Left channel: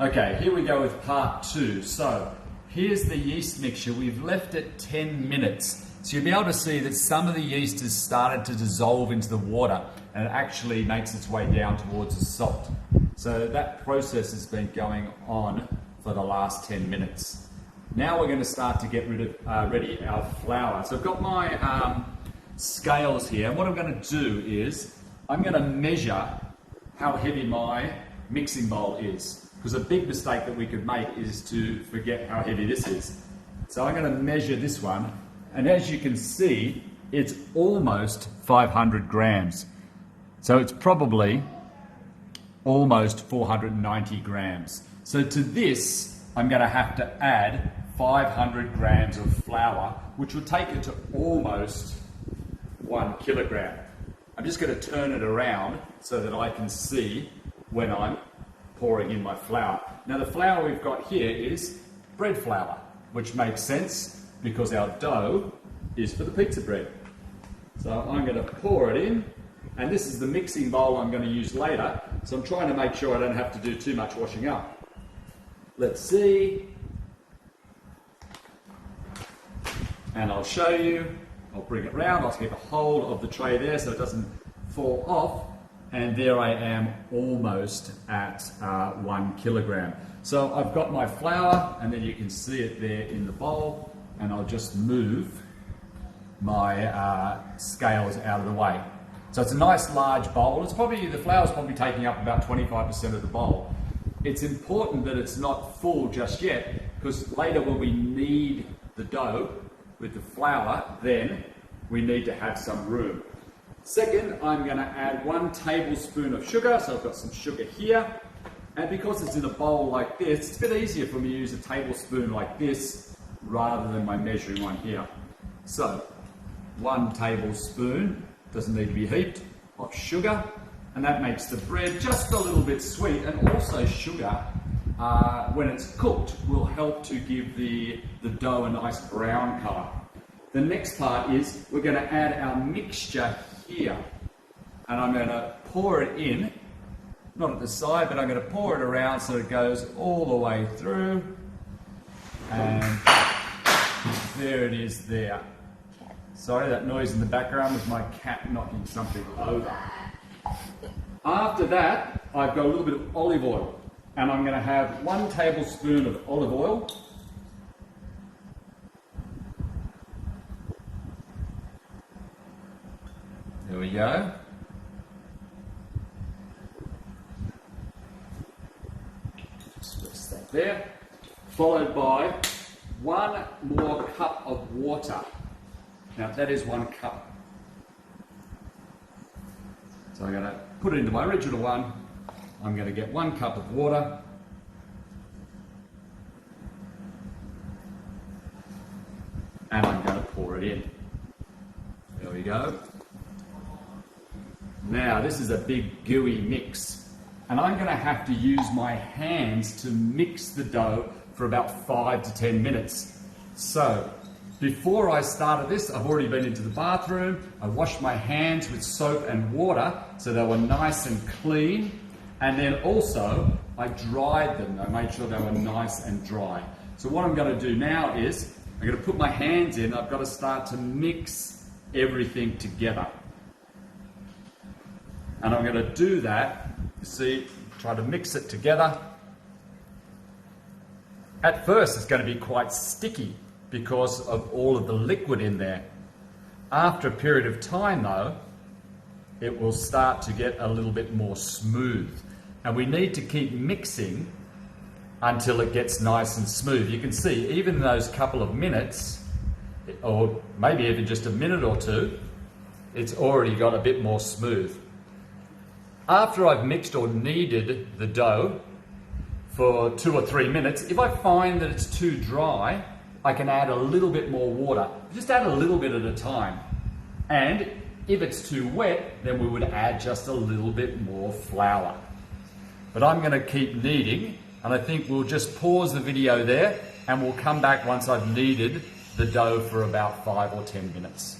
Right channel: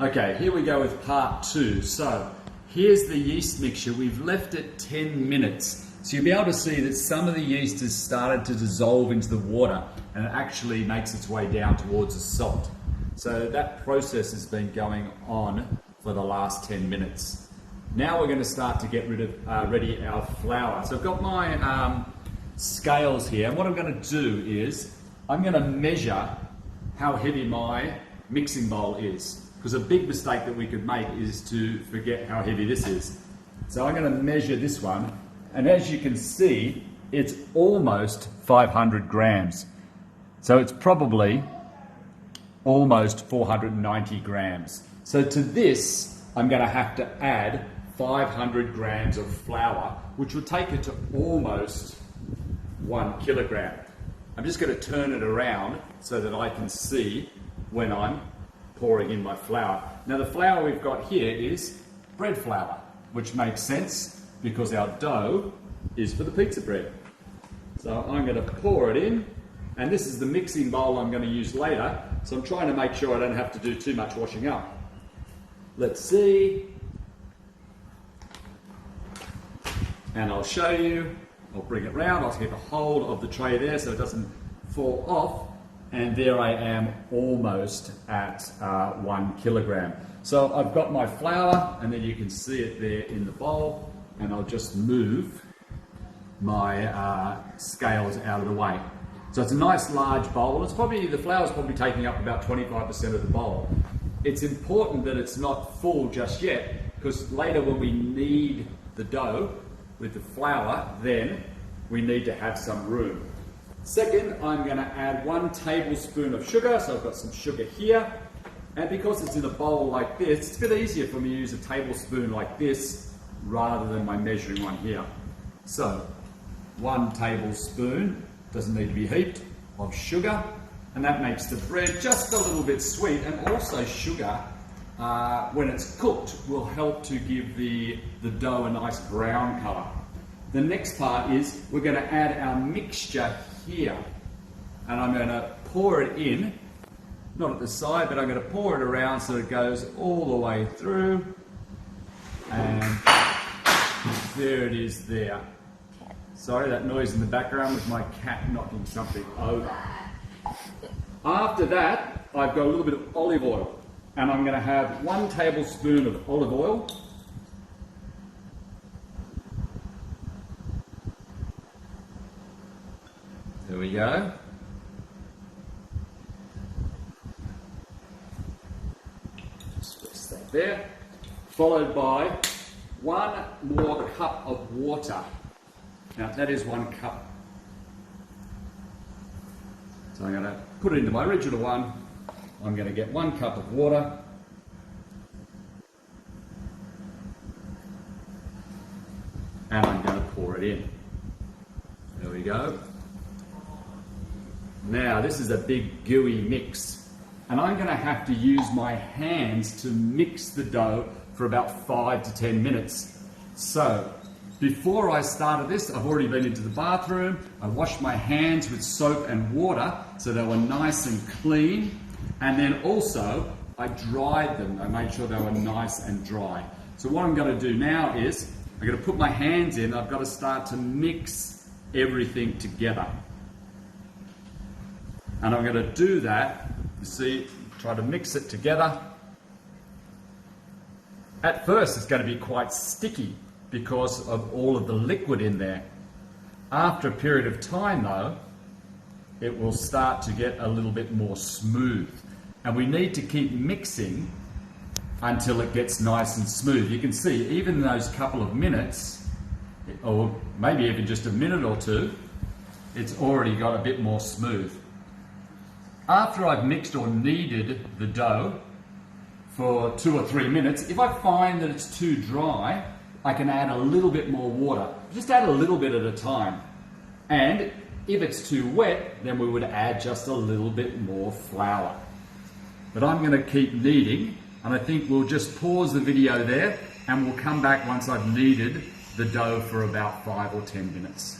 Okay, here we go with part 2. So here's the yeast mixture. We've left it 10 minutes. So you'll be able to see that some of the yeast has started to dissolve into the water and it actually makes its way down towards the salt. So that process has been going on for the last 10 minutes. Now we're going to start to get ready our flour. So I've got my scales here, and what I'm going to do is I'm going to measure how heavy my mixing bowl is. Because a big mistake that we could make is to forget how heavy this is. So I'm going to measure this one, and as you can see, it's almost 500 grams. So it's probably almost 490 grams. So to this, I'm going to have to add 500 grams of flour, which will take it to almost 1 kilogram. I'm just going to turn it around so that I can see when I'm pouring in my flour. Now the flour we've got here is bread flour, which makes sense because our dough is for the pizza bread. So I'm going to pour it in, and this is the mixing bowl I'm going to use later, so I'm trying to make sure I don't have to do too much washing up. Let's see. And I'll show you. I'll bring it round, I'll keep a hold of the tray there so it doesn't fall off. And there I am, almost at 1 kilogram. So I've got my flour, and then you can see it there in the bowl, and I'll just move my scales out of the way. So it's a nice large bowl. The flour's probably taking up about 25% of the bowl. It's important that it's not full just yet, because later when we knead the dough with the flour, then we need to have some room. Second, I'm going to add 1 tablespoon of sugar, so I've got some sugar here. And because it's in a bowl like this, it's a bit easier for me to use a tablespoon like this rather than my measuring one here. So, 1 tablespoon, doesn't need to be heaped, of sugar, and that makes the bread just a little bit sweet. And also sugar, when it's cooked, will help to give the dough a nice brown colour. The next part is we're going to add our mixture here, and I'm going to pour it in, not at the side, but I'm going to pour it around so it goes all the way through, and there it is there. Sorry, that noise in the background was my cat knocking something over. After that, I've got a little bit of olive oil, and I'm going to have 1 tablespoon of olive oil. There we go. Just that there. Followed by 1 more cup of water. Now that is 1 cup. So I'm going to put it into my original one. I'm going to get 1 cup of water. And I'm going to pour it in. There we go. Now this is a big gooey mix, and I'm going to have to use my hands to mix the dough for about 5 to 10 minutes. So before I started this, I've already been into the bathroom. I washed my hands with soap and water so they were nice and clean, and then also I dried them. I made sure they were nice and dry. So what I'm going to do now is I'm going to put my hands in. I've got to start to mix everything together. And I'm going to do that, see, try to mix it together. At first it's going to be quite sticky because of all of the liquid in there. After a period of time though, it will start to get a little bit more smooth. And we need to keep mixing until it gets nice and smooth. You can see even those couple of minutes, or maybe even just a minute or two, it's already got a bit more smooth. After I've mixed or kneaded the dough for 2 or 3 minutes, if I find that it's too dry, I can add a little bit more water. Just add a little bit at a time. And if it's too wet, then we would add just a little bit more flour. But I'm going to keep kneading, and I think we'll just pause the video there, and we'll come back once I've kneaded the dough for about 5 or 10 minutes.